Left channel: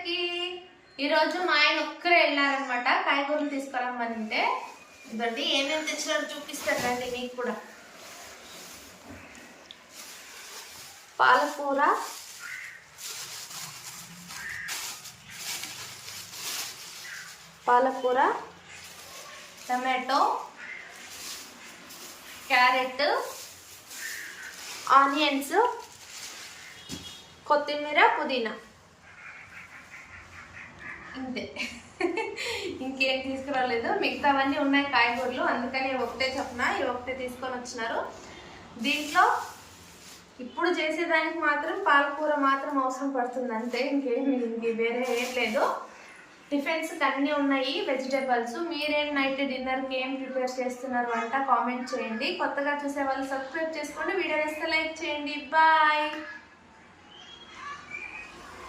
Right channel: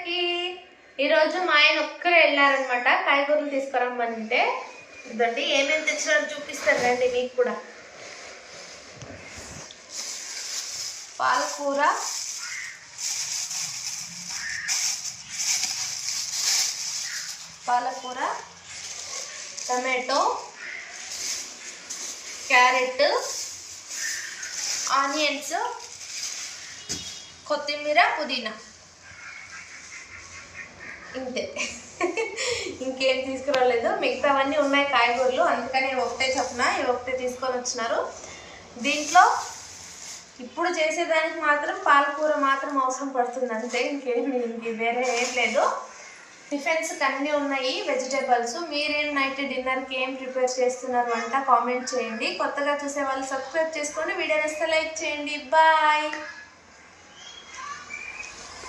అందరికి ఈరోజు మా ఆయన ఒక్కరే వెళ్ళారనమాట కాయగూరలు తీసుకురమ్మంటే ఇదండి ఏమేమి తెచ్చినారో చూపిస్తాను రండి మీకు కూడా. పాలకూర, టమాటో, క్యారెట్, ఆనియన్స్, కొత్తిమీర, పుదీనా, ఇంతే. ఇంకేం తీసుకురాలేదు. మిగతావన్నీ ఉన్నాయి కాయగూరలు, అందుకని ఒకటే చెప్పిన ఇవి ఒకటే తీసుకొని వచ్చినారు. దీంట్లో ఇప్పుడు చేసేదానికి మాత్రం పాలకూర మాత్రం అవసరం పడుతుంది అంతే, ఇంక వేరే ఏం లేదు. టిఫిన్స్కి అన్నీ ఉన్నాయి వెజిటేబుల్స్. మీరేం నైట్ డిన్నర్కి ఏం ప్రిపేర్ చేస్తున్నారు అంట కామెంట్ చేయండి. కొత్తగా చూసే వాళ్ళు సబ్స్క్రైబ్ చేసుకోండి. వీడియో నచ్చితే లైక్ చేయండి. బాయ్.